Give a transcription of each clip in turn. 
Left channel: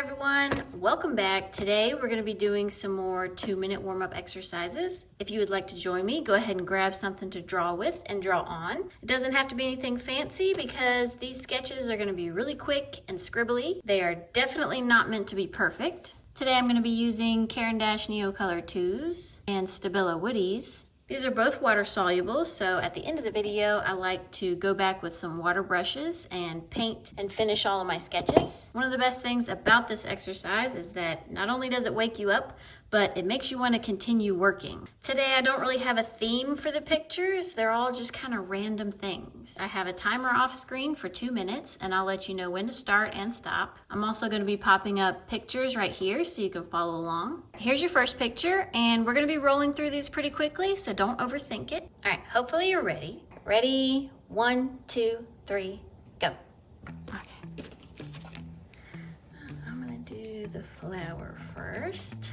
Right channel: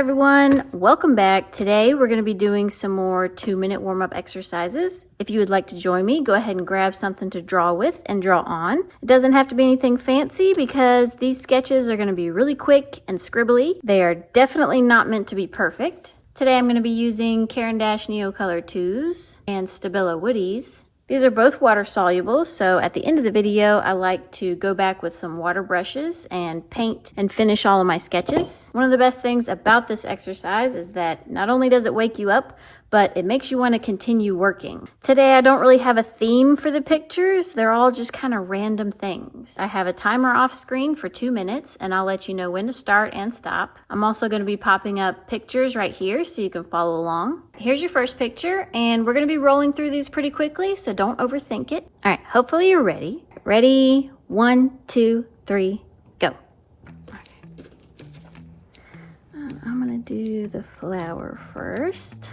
everyone, welcome back. Today we're going to be doing some more 2-minute warm-up exercises. If you would like to join me, go ahead and grab something to draw with and draw on. It doesn't have to be anything fancy because these sketches are going to be really quick and scribbly. They are definitely not meant to be perfect. Today I'm going to be using Caran Neocolor IIs and Stabilo Woodys. These are both water soluble, so at the end of the video, I like to go back with some water brushes and paint and finish all of my sketches. One of the best things about this exercise is that not only does it wake you up, but it makes you want to continue working. Today, I don't really have a theme for the pictures. They're all just kind of random things. I have a timer off screen for 2 minutes, and I'll let you know when to start and stop. I'm also going to be popping up pictures right here so you can follow along. Here's your first picture, and we're going to be rolling through these pretty quickly, so don't overthink it. All right, hopefully you're ready. Ready? 1, 2, 3, go. Okay. I'm going to do the flower first.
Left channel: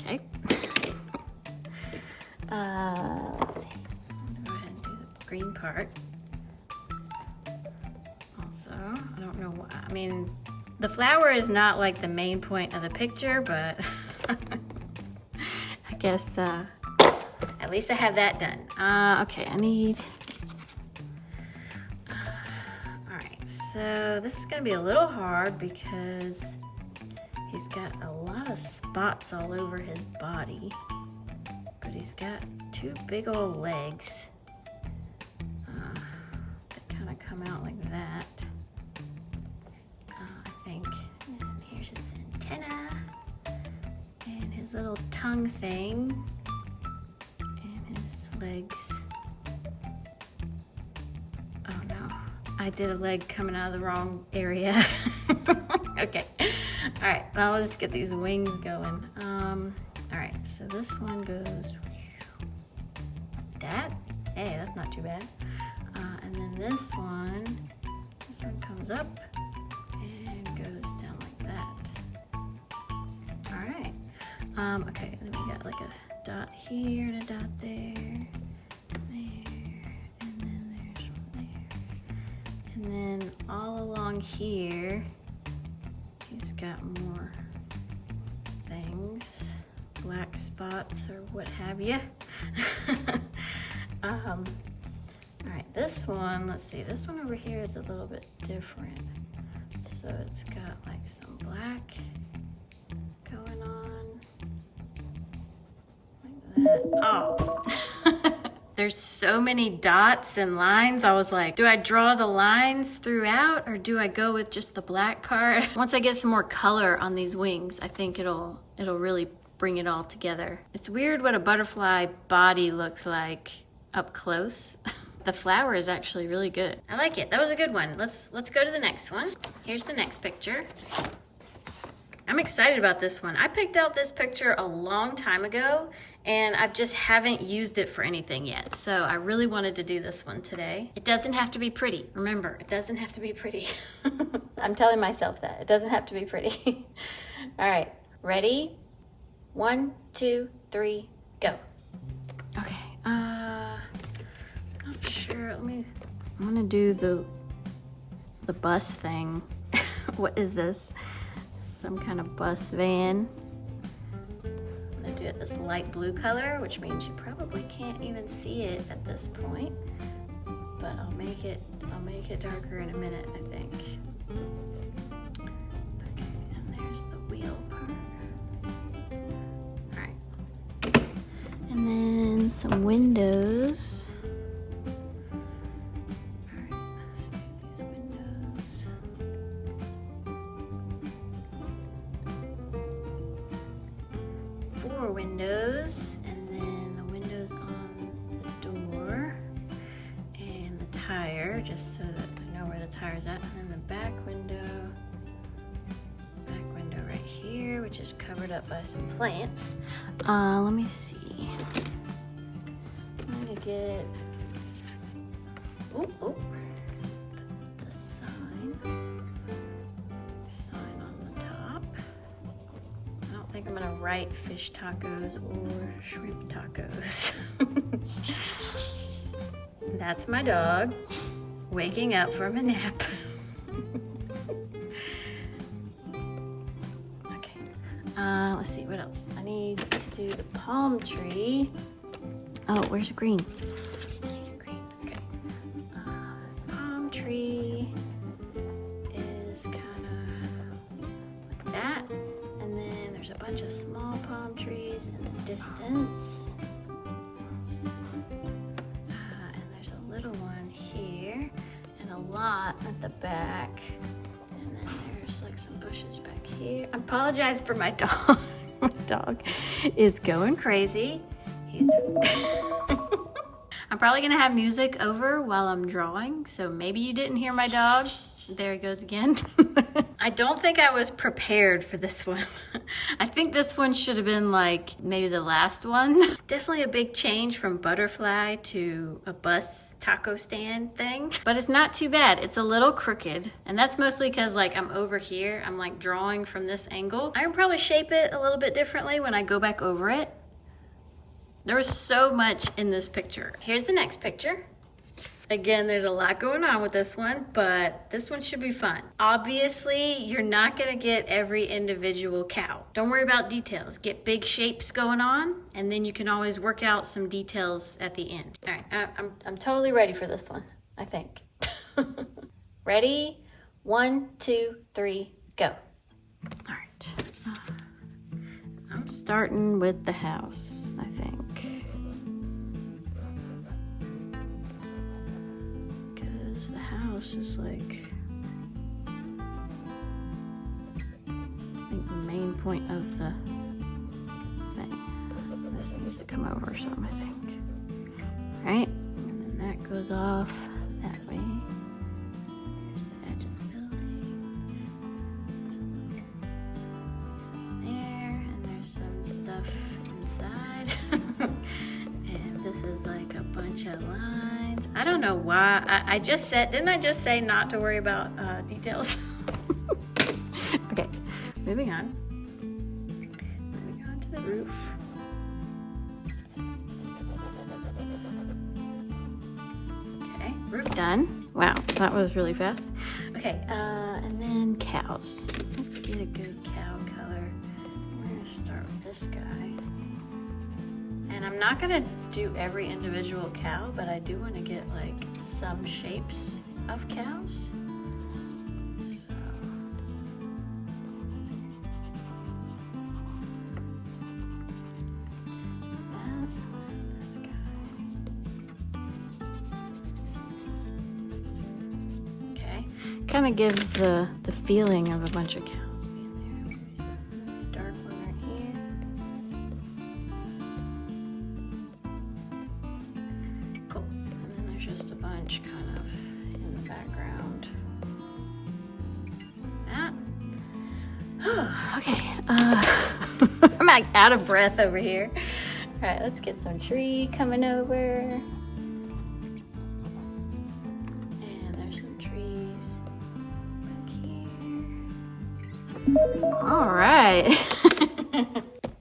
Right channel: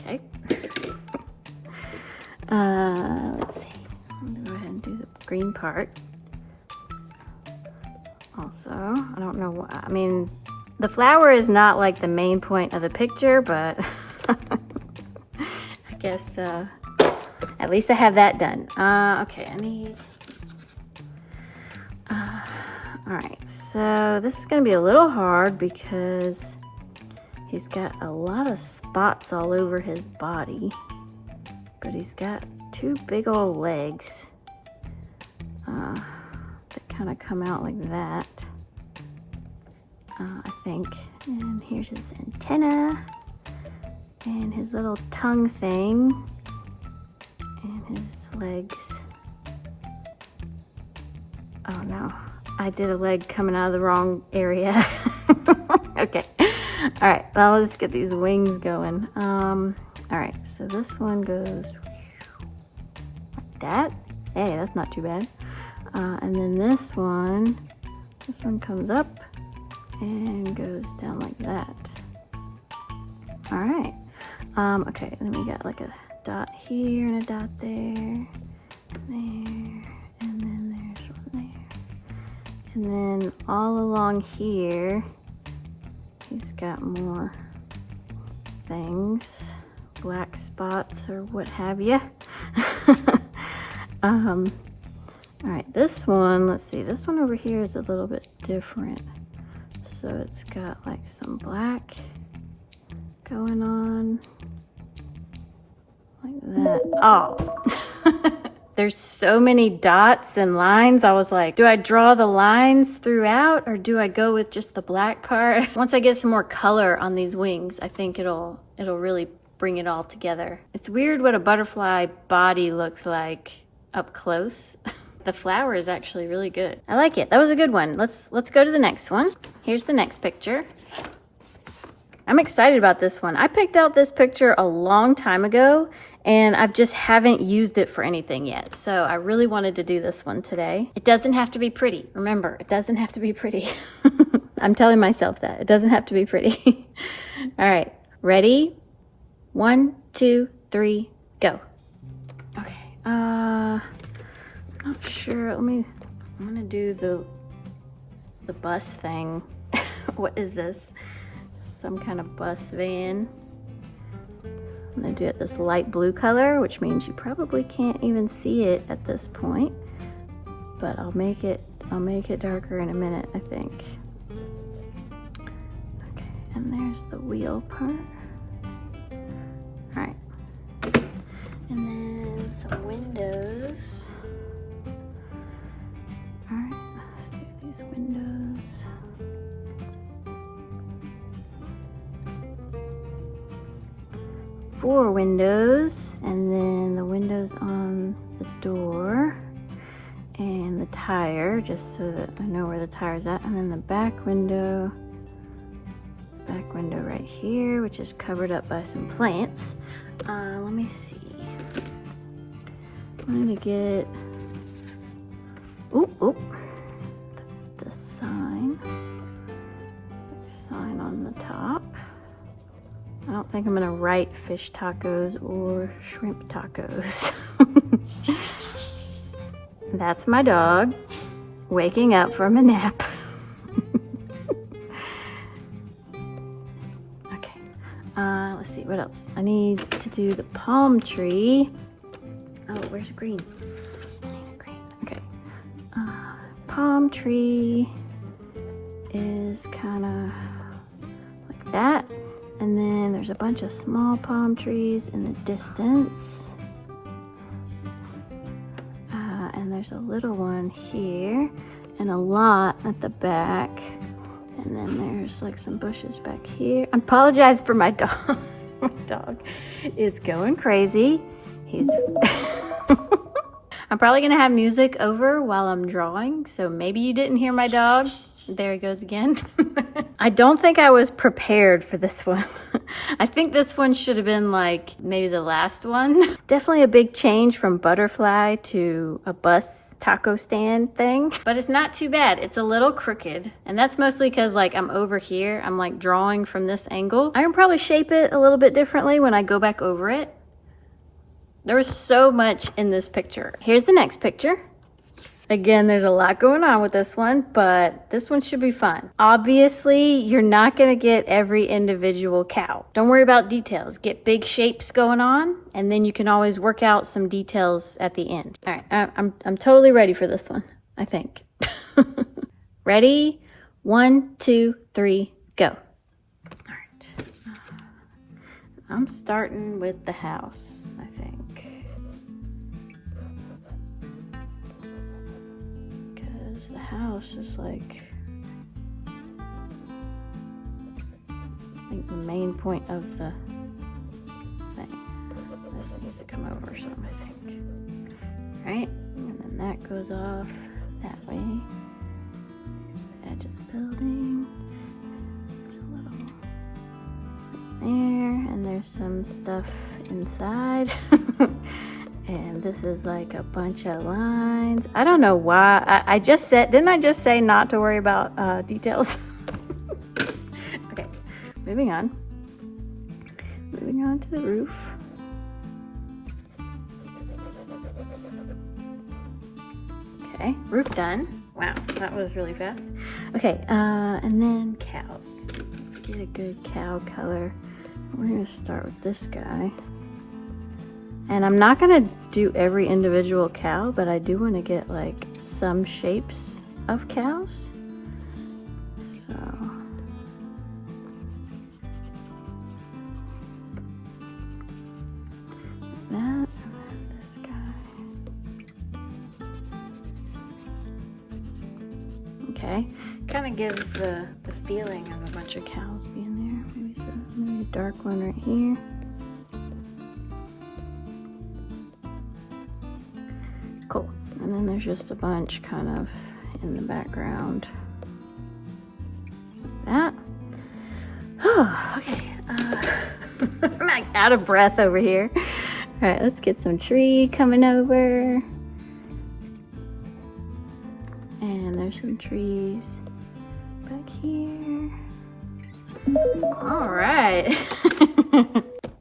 Okay. Let's see. I'm gonna go ahead and do the green part. Also, I don't know what, I mean, the flower is not like the main point of the picture, but I guess at least I have that done. Okay, I need, all right, so this is gonna be a little hard because he's got a lot of spots all over his body, but he's got 2 big old legs that kind of come out like that, I think. And here's his antenna and his little tongue thing and his legs. Oh no, I did a leg coming out of the wrong area. Okay. All right, well, let's get these wings going. All right, so this one goes like that. Hey, that's not too bad. And then this one comes up and goes down like that. All right. Okay, and then we got like a dot here and a dot there, and then there's one there. And then all along here, he's got more things, black spots or what have you. All right, this one, let's see, this one over here is a little bit different. So it's got like some black going on, like that. Oh, there's so many dots and lines. I was like, do I draw the lines throughout or do I go with just the black part? Once I get some more color on these wings, I think it'll really bring it all together. It's weird what a butterfly body looks like up close. The flower is actually really good. I like it. That was a good one. Let's go to the next one. Here's the next picture. I'm excited about this one. I picked out this picture a long time ago and I just haven't used it for anything yet. So I really wanted to do this one today. It doesn't have to be pretty. Remember, it doesn't have to be pretty. I'm telling myself that. It doesn't have to be pretty. All right, ready? 1, 2, 3, go. Okay, not sure, I'm gonna do the bus thing. What is this? Some kind of bus van. I'm gonna do it this light blue color, which means you probably can't even see it at this point, but I'll make it darker in a minute, I think. Okay, and there's the wheel part. All right, and then some windows. All right, so these windows. 4 windows, and then the windows on the door and the tire, just so that I know where the tire's at, and then the back window right here, which is covered up by some plants. Let me see. I'm gonna get the sign on the top. I don't think I'm gonna write fish tacos or shrimp tacos. That's my dog waking up from a nap. Okay, let's see, what else? I need to do the palm tree. Oh, where's the green? Okay. Palm tree is kind of like that. And then there's a bunch of small palm trees in the distance. And there's a little one here and a lot at the back. And then there's like some bushes back here. I apologize for my dog. My dog is going crazy. He's I'm probably gonna have music over while I'm drawing, so maybe you didn't hear my dog. There he goes again. I don't think I was prepared for this one. I think this one should have been like maybe the last one. Definitely a big change from butterfly to a bus taco stand thing, but it's not too bad. It's a little crooked, and that's mostly because like I'm over here. I'm like drawing from this angle. I can probably shape it a little bit differently when I go back over it. There was so much in this picture. Here's the next picture. Again, there's a lot going on with this one, but this one should be fun. Obviously, you're not gonna get every individual cow. Don't worry about details. Get big shapes going on, and then you can always work out some details at the end. All right, I'm totally ready for this one, I think. Ready? 1, 2, 3, go. All right. I'm starting with the house, I think. Because the house is like, I think the main point of the thing. This needs to come over some, I think. All right, and then that goes off that way. The edge of the building. There, and there's some stuff inside. And this is like a bunch of lines. I don't know why. I just said, didn't I just say not to worry about details? Okay, moving on. Moving on to the roof. Okay, roof done. Wow, that was really fast. Okay, and then cows. Let's get a good cow color. We're gonna start with this guy. And I'm not gonna do every individual cow, but I do wanna get like some shapes of cows. So. That, this guy. Okay, kinda gives the feeling of a bunch of cows being there. Maybe a dark one right here. Cool. And then there's just a bunch kind of in the background. That. Oh, okay. I'm like out of breath over here. All right, let's get some tree coming over. And there's some trees back here. All right.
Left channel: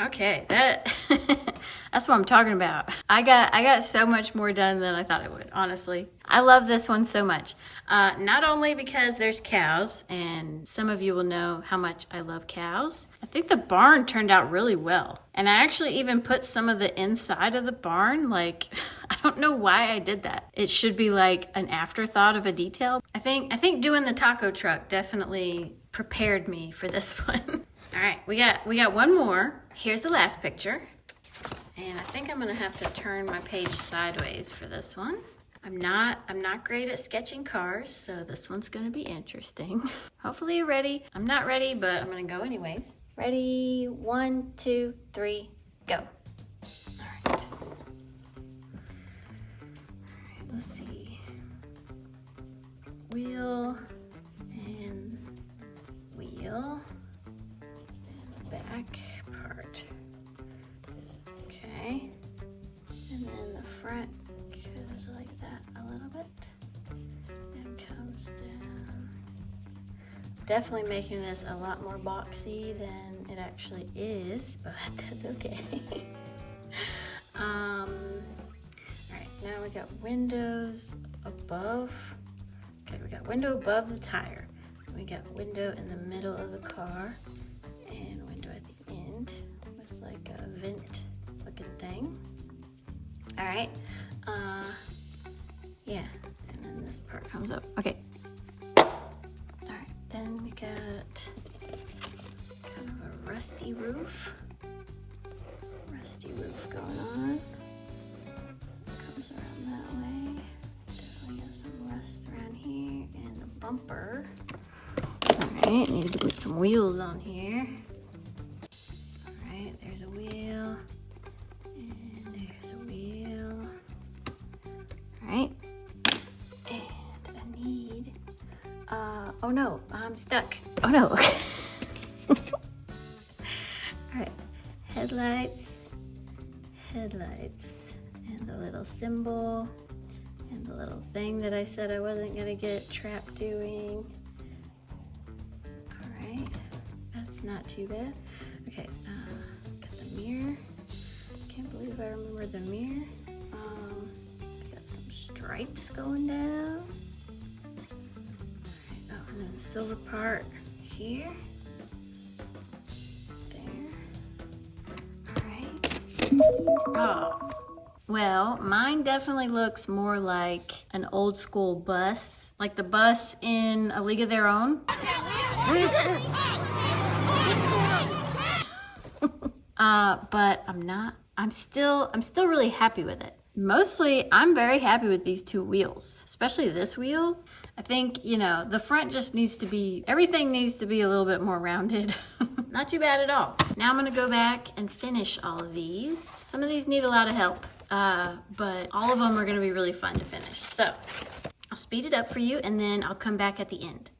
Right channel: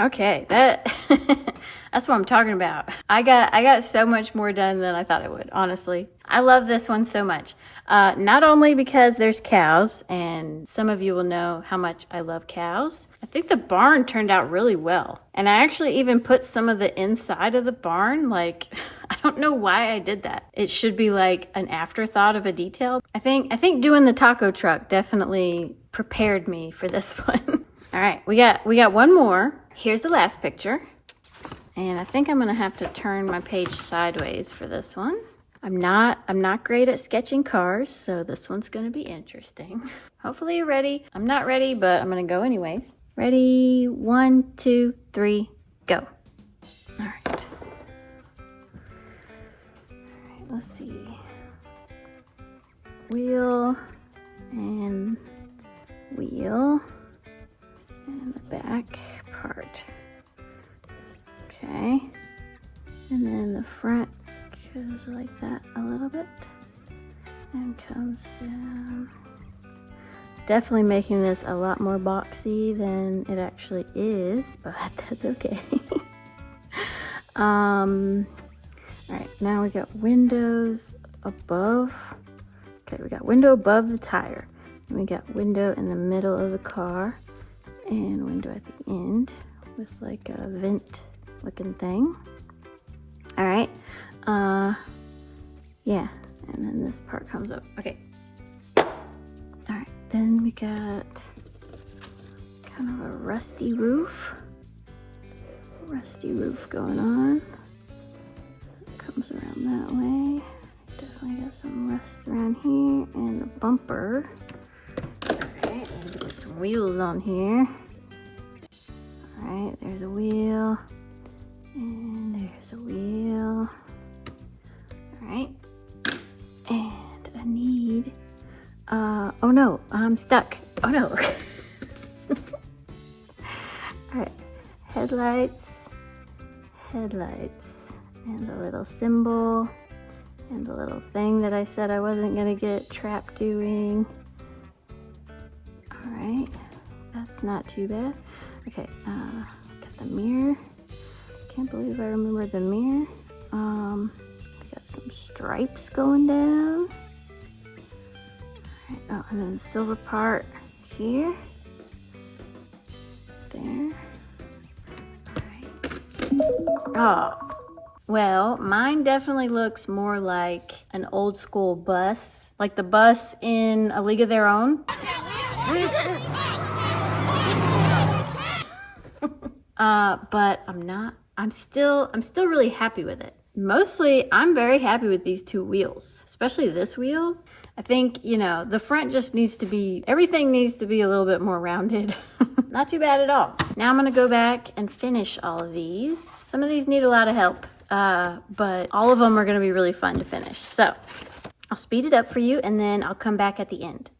Okay, that's what I'm talking about. I got so much more done than I thought I would, honestly. I love this one so much. Not only because there's cows, and some of you will know how much I love cows. I think the barn turned out really well. And I actually even put some of the inside of the barn, like, I don't know why I did that. It should be like an afterthought of a detail. I think doing the taco truck definitely prepared me for this one. All right, we got one more. Here's the last picture. And I think I'm gonna have to turn my page sideways for this one. I'm not great at sketching cars, so this one's gonna be interesting. Hopefully you're ready. I'm not ready, but I'm gonna go anyways. Ready? 1, 2, 3, go. All right. All right, let's see. Wheel and wheel and the back part. Okay, and then the front goes like that a little bit and comes down. Definitely making this a lot more boxy than it actually is, but that's okay. All right, Now we got windows above. Okay, we got window above the tire. And we got window in the middle of the car and window at the end with like a vent looking thing. All right, yeah, and then this part comes up. Okay, all right, then we got kind of a rusty roof going on. Comes around that way. Definitely got some rust around here, and the bumper. All right, need to get some wheels on here. All right, there's a wheel, and there's a wheel. All right, and I need, oh no, I'm stuck. Oh no. All right, headlights, and the little symbol, and the little thing that I said I wasn't gonna get trapped doing. All right, that's not too bad. Okay, got the mirror. Can't believe I remembered the mirror. Got some stripes going down. Right, oh, and then the silver part here. There. All right. Oh, well, mine definitely looks more like an old school bus, like the bus in A League of Their Own. But I'm still really happy with it. Mostly, I'm very happy with these two wheels, especially this wheel. I think, you know, the front just needs to be, everything needs to be a little bit more rounded. Not too bad at all. Now I'm gonna go back and finish all of these. Some of these need a lot of help, but all of them are gonna be really fun to finish. So I'll speed it up for you and then I'll come back at the end.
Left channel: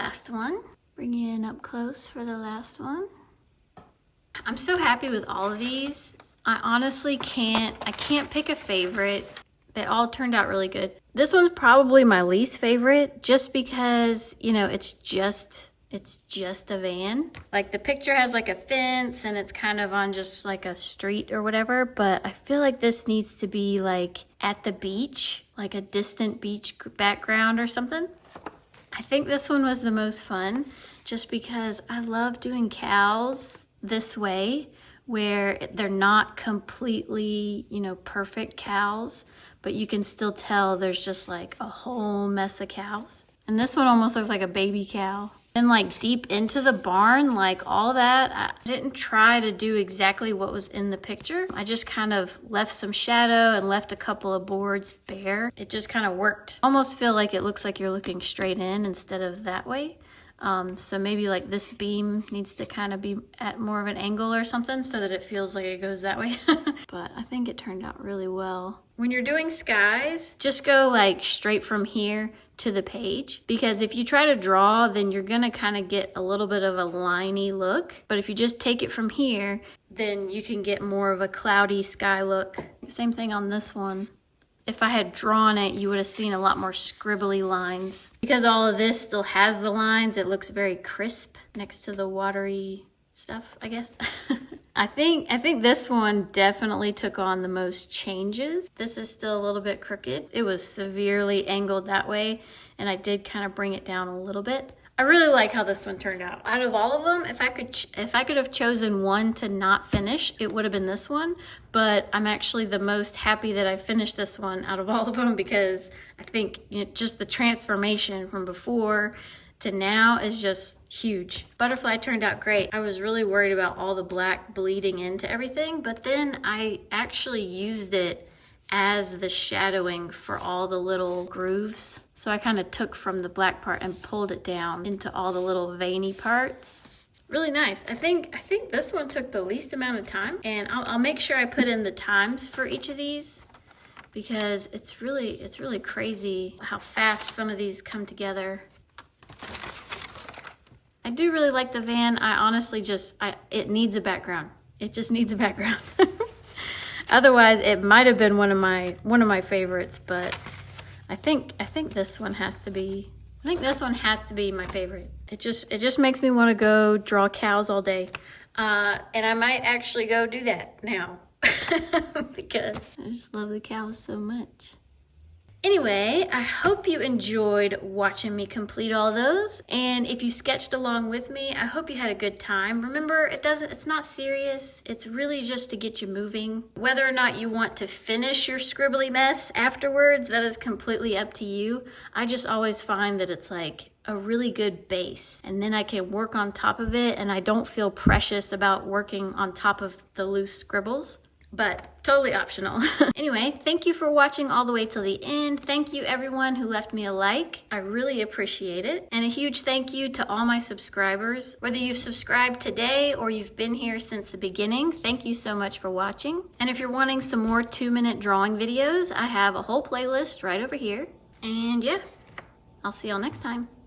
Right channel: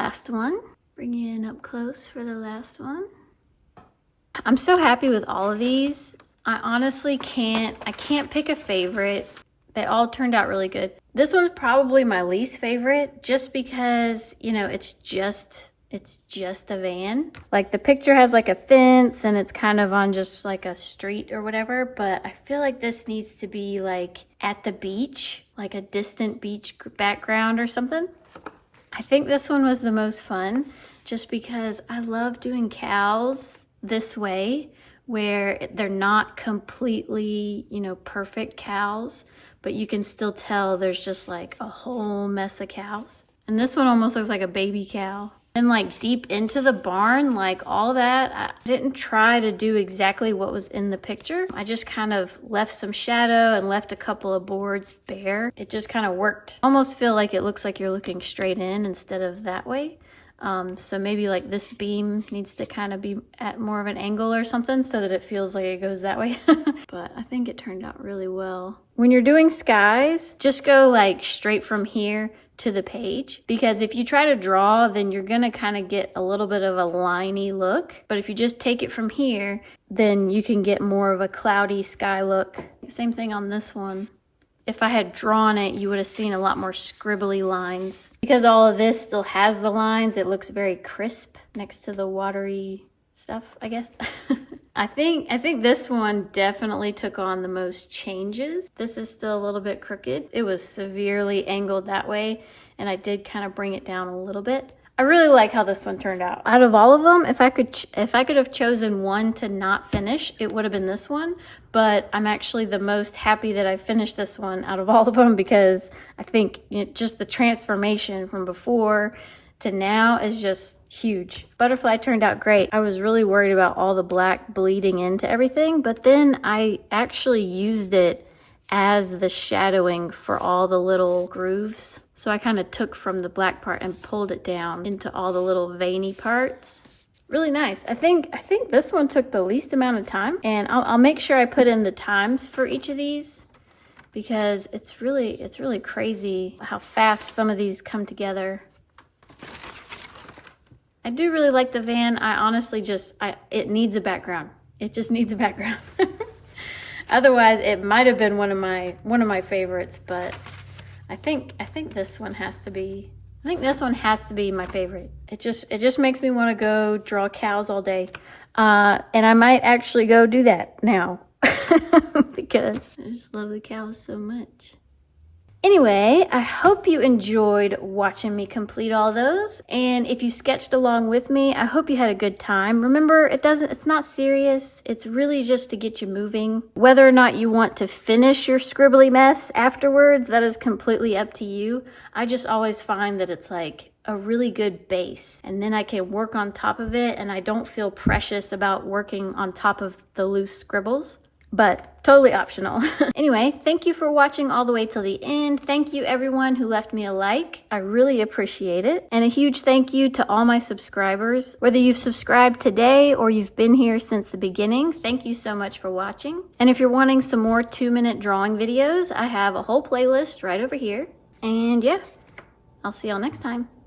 last one. Bring you in up close for the last one. I'm so happy with all of these. I honestly can't pick a favorite. They all turned out really good. This one's probably my least favorite just because, you know, it's just a van. Like the picture has like a fence and it's kind of on just like a street or whatever, but I feel like this needs to be like at the beach, like a distant beach background or something. I think this one was the most fun just because I love doing cows this way where they're not completely, you know, perfect cows, but you can still tell there's just like a whole mess of cows. And this one almost looks like a baby cow. And like deep into the barn, like all that, I didn't try to do exactly what was in the picture. I just kind of left some shadow and left a couple of boards bare. It just kind of worked. Almost feel like it looks like you're looking straight in instead of that way. So maybe like this beam needs to kind of be at more of an angle or something so that it feels like it goes that way. But I think it turned out really well. When you're doing skies, just go like straight from here to the page, because if you try to draw, then you're gonna kind of get a little bit of a liney look. But if you just take it from here, then you can get more of a cloudy sky look. Same thing on this one. If I had drawn it, you would have seen a lot more scribbly lines. Because all of this still has the lines, it looks very crisp next to the watery stuff, I guess. I think this one definitely took on the most changes. This is still a little bit crooked. It was severely angled that way, and I did kind of bring it down a little bit. I really like how this one turned out. Out of all of them, if I could have chosen one to not finish, it would have been this one. But I'm actually the most happy that I finished this one out of all of them, because I think, you know, just the transformation from before to now is just huge. Butterfly turned out great. I was really worried about all the black bleeding into everything, but then I actually used it as the shadowing for all the little grooves. So I kind of took from the black part and pulled it down into all the little veiny parts. Really nice. I think this one took the least amount of time, and I'll make sure I put in the times for each of these, because it's really crazy how fast some of these come together. I do really like the van. I honestly it needs a background. It just needs a background. Otherwise, it might have been one of my favorites, but I think this one has to be. I think this one has to be my favorite. It just makes me want to go draw cows all day, and I might actually go do that now because I just love the cows so much. Anyway, I hope you enjoyed watching me complete all those. And if you sketched along with me, I hope you had a good time. Remember, it's not serious. It's really just to get you moving. Whether or not you want to finish your scribbly mess afterwards, that is completely up to you. I just always find that it's like a really good base, and then I can work on top of it, and I don't feel precious about working on top of the loose scribbles. But totally optional. Anyway, thank you for watching all the way till the end. Thank you everyone who left me a like. I really appreciate it. And a huge thank you to all my subscribers. Whether you've subscribed today or you've been here since the beginning, thank you so much for watching. And if you're wanting some more 2-minute drawing videos, I have a whole playlist right over here. And yeah, I'll see y'all next time.